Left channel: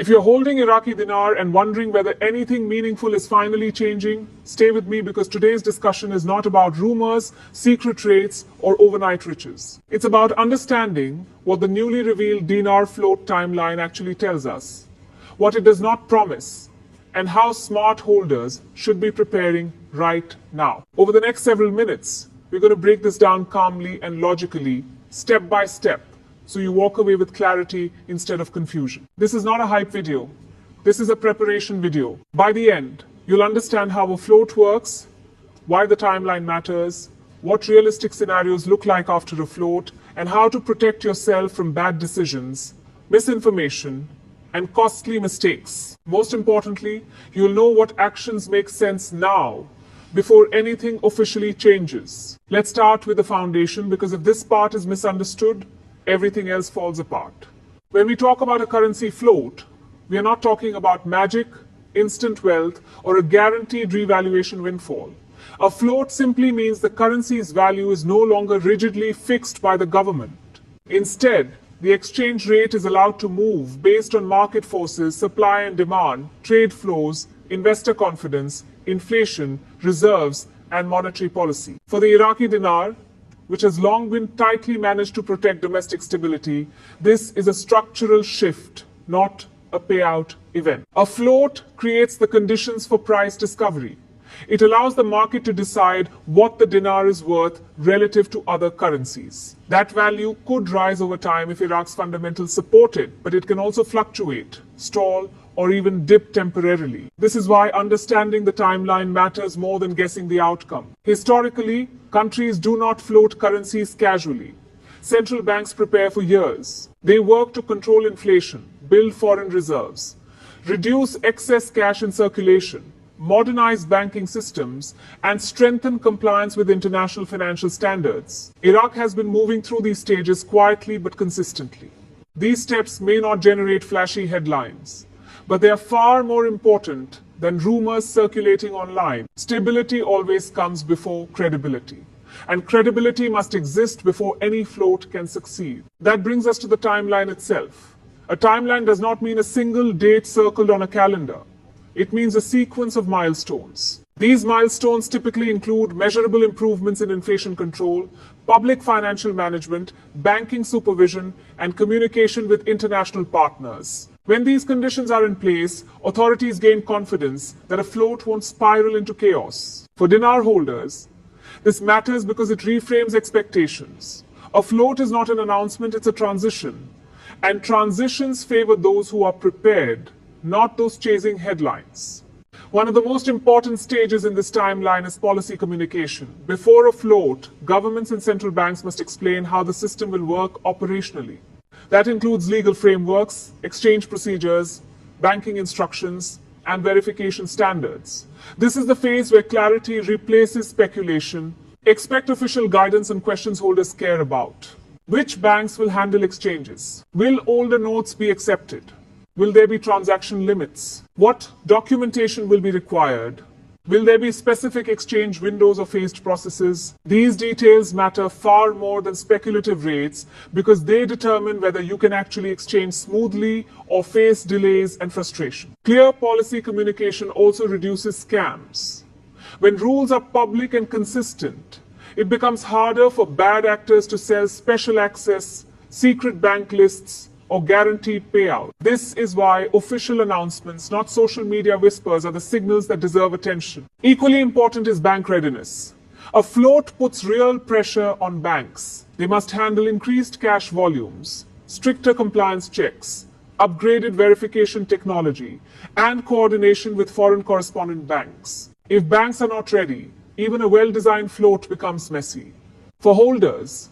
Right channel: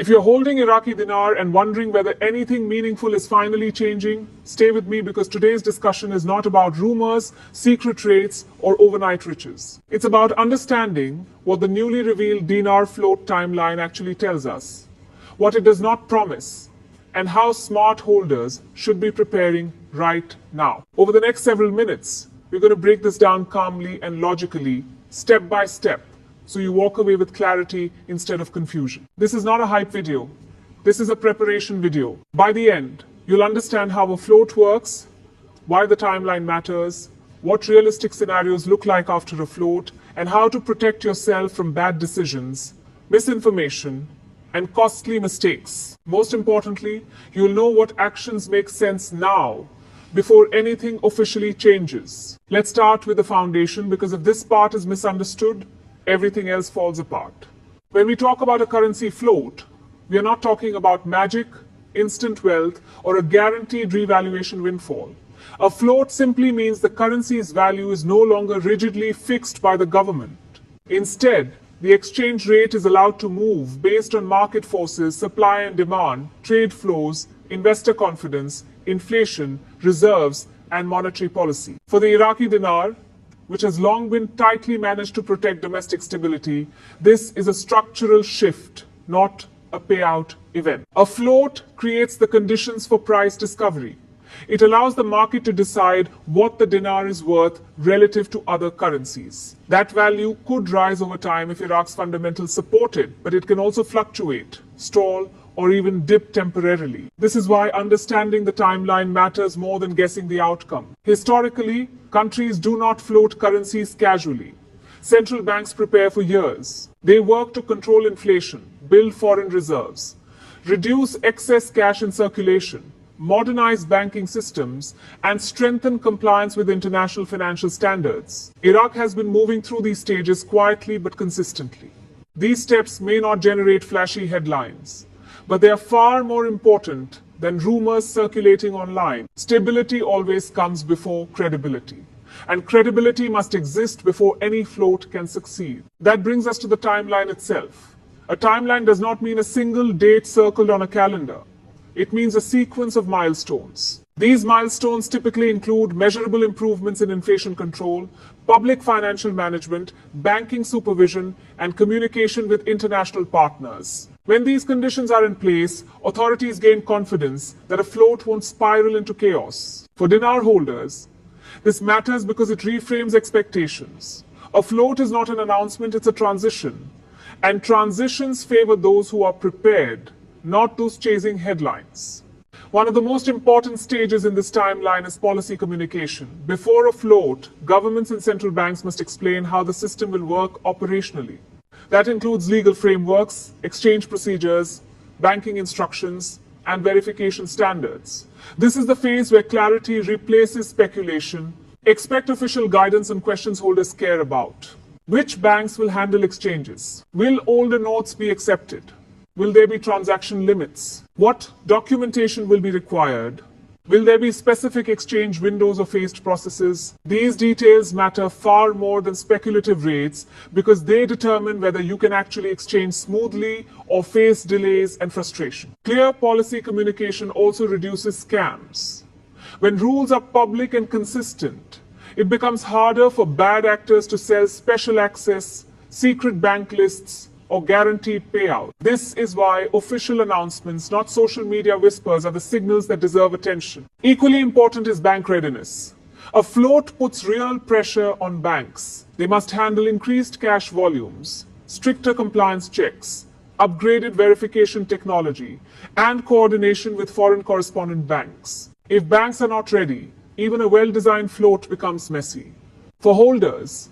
If you're holding Iraqi Dinar and wondering whether anything meaningful is finally changing, stay with me because today's discussion is not about rumors, secret rates, or overnight riches. It's about understanding what the newly revealed Dinar Float Timeline actually tells us, what it does not promise, and how smart holders should be preparing right now. Over the next several minutes, we're going to break this down calmly and logically, step by step, so you walk away with clarity instead of confusion. This is not a hype video. This is a preparation video. By the end, you'll understand how a float works, why the timeline matters, what realistic scenarios look like after a float, and how to protect yourself from bad decisions, misinformation, and costly mistakes. Most importantly, you'll know what actions make sense now before anything officially changes. Let's start with the foundation, because if this part is misunderstood, everything else falls apart. When we talk about a currency float, we are not talking about magic, instant wealth, or a guaranteed revaluation windfall. A float simply means the currency's value is no longer rigidly fixed by the government. Instead, the exchange rate is allowed to move based on market forces, supply and demand, trade flows, investor confidence, inflation, reserves, and monetary policy. For the Iraqi dinar, which has long been tightly managed to protect domestic stability, this is a structural shift, not a payout event. A float creates the conditions for price discovery. It allows the market to decide what the dinar is worth relative to other currencies. That value could rise over time if Iraq's fundamentals support it, but it can also fluctuate, stall, or even dip temporarily. This is why understanding the timeline matters more than guessing the outcome. Historically, countries do not float currencies casually. Central banks prepare for years. They work to control inflation, build foreign reserves, reduce excess cash in circulation, modernize banking systems, and strengthen compliance with international financial standards. Iraq has been moving through these stages quietly but consistently. These steps may not generate flashy headlines, but they are far more important than rumors circulating online. Stability always comes before credibility, and credibility must exist before any float can succeed. That brings us to the timeline itself. A timeline does not mean a single date circled on a calendar. It means a sequence of milestones. These milestones typically include measurable improvements in inflation control, public financial management, banking supervision, and communication with international partners. When these conditions are in place, authorities gain confidence that a float won't spiral into chaos. For dinar holders, this matters because it reframes expectations. A float is not an announcement, it's a transition. And transitions favor those who are prepared, not those chasing headlines. One of the most important stages in this timeline is policy communication. Before a float, governments and central banks must explain how the system will work operationally. That includes legal frameworks, exchange procedures, banking instructions, and verification standards. This is the phase where clarity replaces speculation. Expect official guidance on questions holders care about. Which banks will handle exchanges? Will older notes be accepted? Will there be transaction limits? What documentation will be required? Will there be specific exchange windows or phased processes? These details matter far more than speculative rates because they determine whether you can actually exchange smoothly or face delays and frustration. Clear policy communication also reduces scams. When rules are public and consistent, it becomes harder for bad actors to sell special access, secret bank lists, or guaranteed payout. This is why official announcements, not social media whispers, are the signals that deserve attention. Equally important is bank readiness. A float puts real pressure on banks. They must handle increased cash volumes, stricter compliance checks, upgraded verification technology, and coordination with foreign correspondent banks. If banks are not ready, even a well-designed float becomes messy. For holders,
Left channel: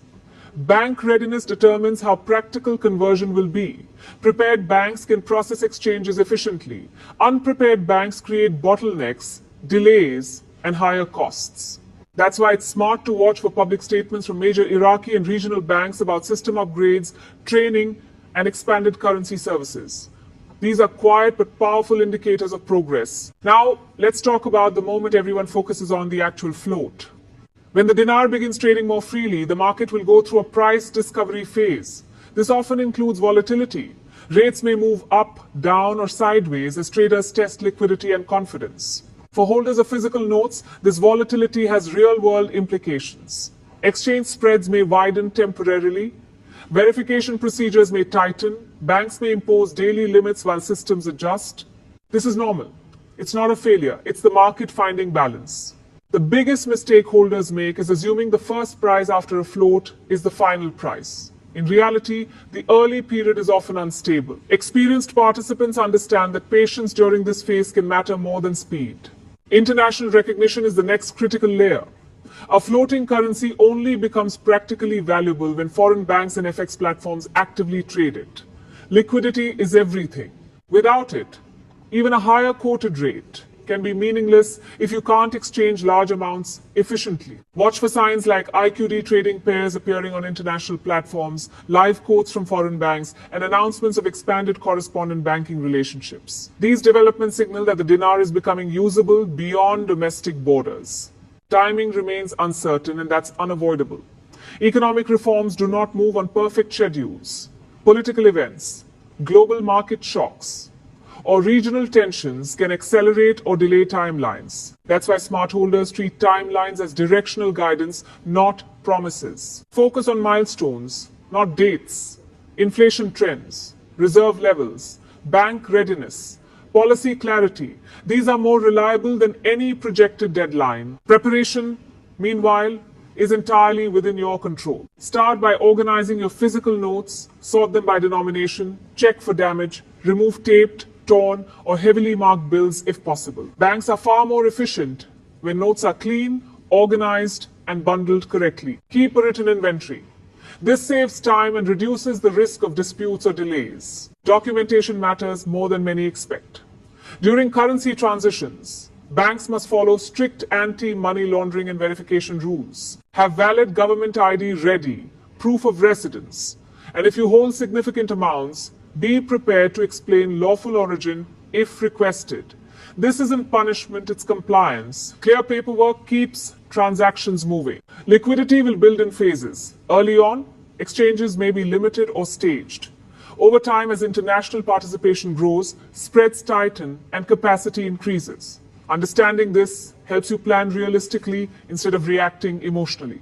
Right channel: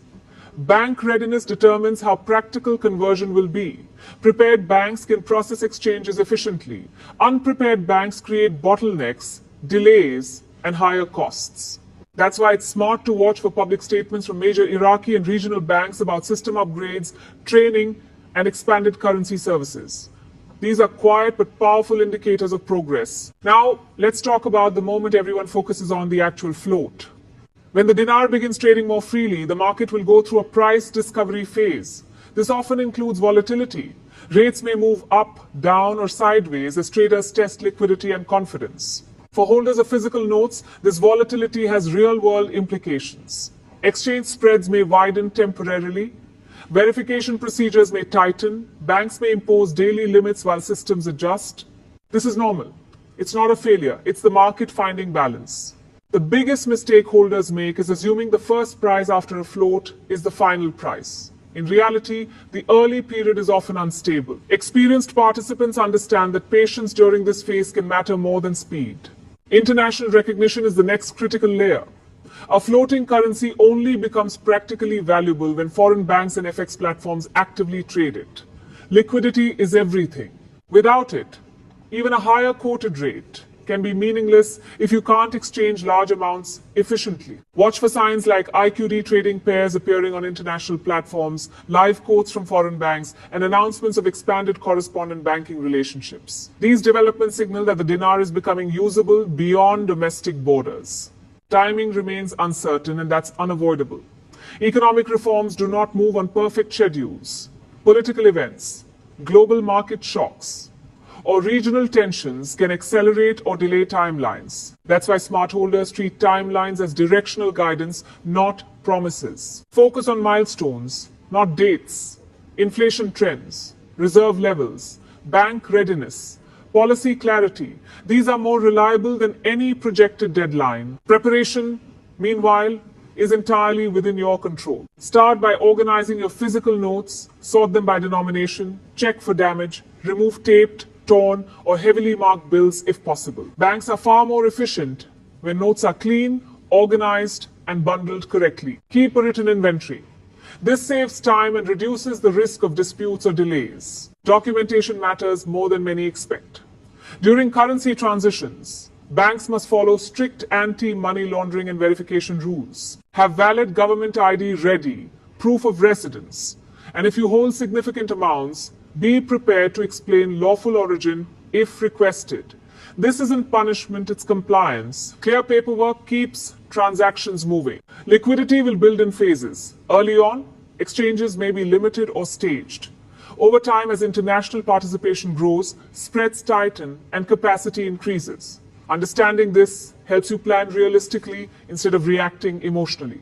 bank readiness determines how practical conversion will be. Prepared banks can process exchanges efficiently. Unprepared banks create bottlenecks, delays, and higher costs. That's why it's smart to watch for public statements from major Iraqi and regional banks about system upgrades, training, and expanded currency services. These are quiet but powerful indicators of progress. Now, let's talk about the moment everyone focuses on, the actual float. When the dinar begins trading more freely, the market will go through a price discovery phase. This often includes volatility. Rates may move up, down, or sideways as traders test liquidity and confidence. For holders of physical notes, this volatility has real-world implications. Exchange spreads may widen temporarily. Verification procedures may tighten. Banks may impose daily limits while systems adjust. This is normal. It's not a failure. It's the market finding balance. The biggest mistake holders make is assuming the first price after a float is the final price. In reality, the early period is often unstable. Experienced participants understand that patience during this phase can matter more than speed. International recognition is the next critical layer. A floating currency only becomes practically valuable when foreign banks and FX platforms actively trade it. Liquidity is everything. Without it, even a higher quoted rate can be meaningless if you can't exchange large amounts efficiently. Watch for signs like IQD trading pairs appearing on international platforms, live quotes from foreign banks, and announcements of expanded correspondent banking relationships. These developments signal that the dinar is becoming usable beyond domestic borders. Timing remains uncertain, and that's unavoidable. Economic reforms do not move on perfect schedules. Political events, global market shocks, or regional tensions can accelerate or delay timelines. That's why smart holders treat timelines as directional guidance, not promises. Focus on milestones, not dates. Inflation trends, reserve levels, bank readiness, policy clarity. These are more reliable than any projected deadline. Preparation, meanwhile, is entirely within your control. Start by organizing your physical notes, sort them by denomination, check for damage, remove taped, torn, or heavily marked bills if possible. Banks are far more efficient when notes are clean, organized, and bundled correctly. Keep a written inventory. This saves time and reduces the risk of disputes or delays. Documentation matters more than many expect. During currency transitions, banks must follow strict anti-money laundering and verification rules. Have valid government ID ready, proof of residence, and if you hold significant amounts, be prepared to explain lawful origin if requested. This isn't punishment, it's compliance. Clear paperwork keeps transactions moving. Liquidity will build in phases. Early on, exchanges may be limited or staged. Over time, as international participation grows, spreads tighten and capacity increases. Understanding this helps you plan realistically instead of reacting emotionally.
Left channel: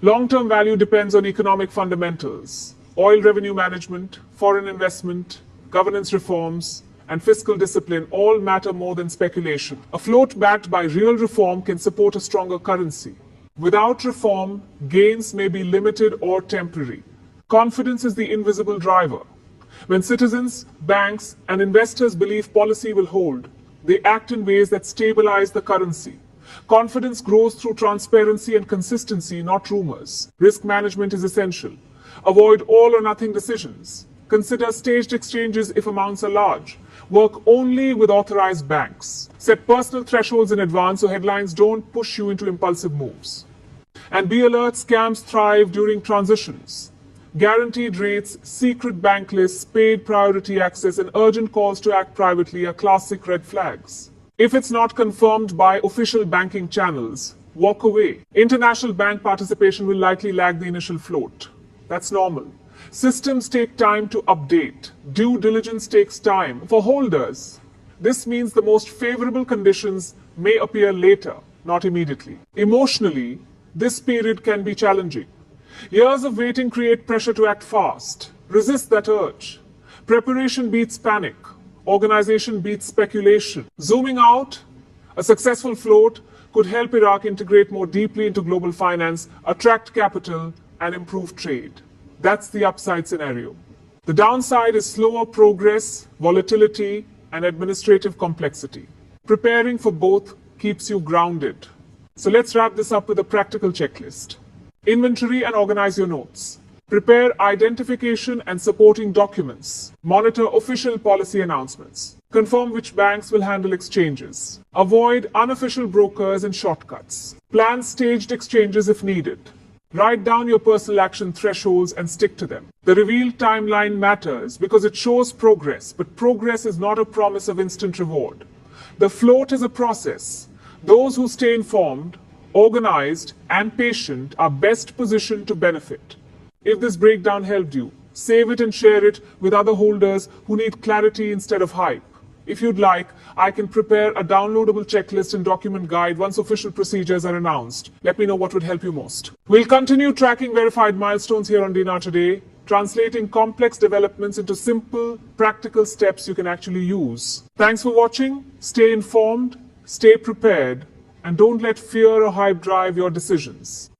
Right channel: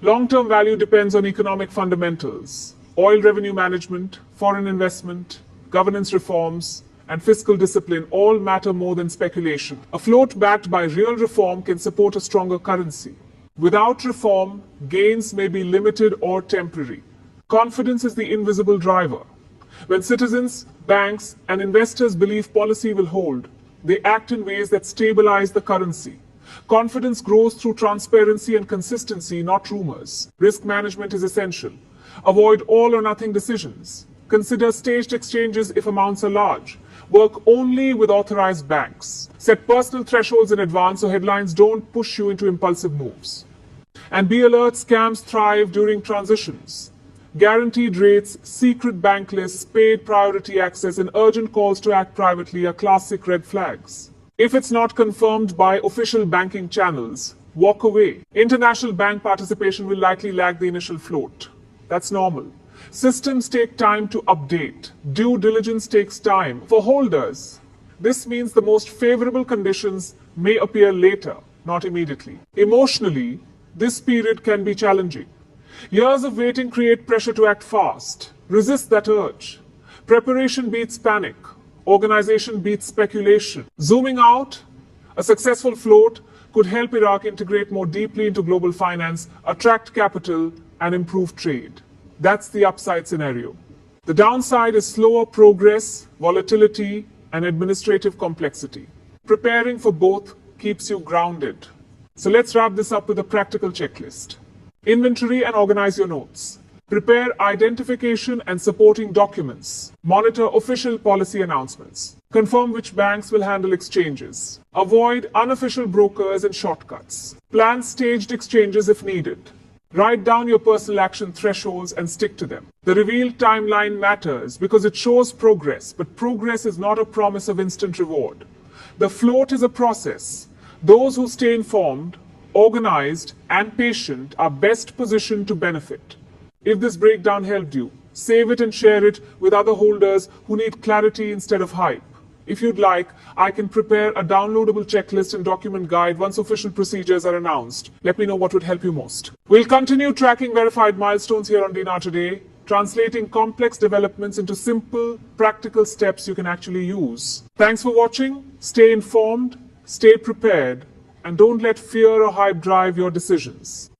Long-term value depends on economic fundamentals. Oil revenue management, foreign investment, governance reforms, and fiscal discipline all matter more than speculation. A float backed by real reform can support a stronger currency. Without reform, gains may be limited or temporary. Confidence is the invisible driver. When citizens, banks, and investors believe policy will hold, they act in ways that stabilize the currency. Confidence grows through transparency and consistency, not rumors. Risk management is essential. Avoid all or nothing decisions. Consider staged exchanges if amounts are large. Work only with authorized banks. Set personal thresholds in advance so headlines don't push you into impulsive moves. And be alert, scams thrive during transitions. Guaranteed rates, secret bank lists, paid priority access, and urgent calls to act privately are classic red flags. If it's not confirmed by official banking channels, walk away. International bank participation will likely lag the initial float. That's normal. Systems take time to update. Due diligence takes time. For holders, this means the most favorable conditions may appear later, not immediately. Emotionally, this period can be challenging. Years of waiting create pressure to act fast. Resist that urge. Preparation beats panic. Organization beats speculation. Zooming out, a successful float could help Iraq integrate more deeply into global finance, attract capital, and improve trade. That's the upside scenario. The downside is slower progress, volatility, and administrative complexity. Preparing for both keeps you grounded. So let's wrap this up with a practical checklist. Inventory and organize your notes. Prepare identification and supporting documents. Monitor official policy announcements. Confirm which banks will handle exchanges. Avoid unofficial brokers and shortcuts. Plan staged exchanges if needed. Write down your personal action thresholds and stick to them. The revealed timeline matters because it shows progress, but progress is not a promise of instant reward. The float is a process. Those who stay informed, organized, and patient are best positioned to benefit. If this breakdown helped you, save it and share it with other holders who need clarity instead of hype. If you'd like, I can prepare a downloadable checklist and document guide once official procedures are announced. Let me know what would help you most. We'll continue tracking verified milestones here on Dinar Today, translating complex developments into simple, practical steps you can actually use. Thanks for watching. Stay informed, stay prepared, and don't let fear or hype drive your decisions.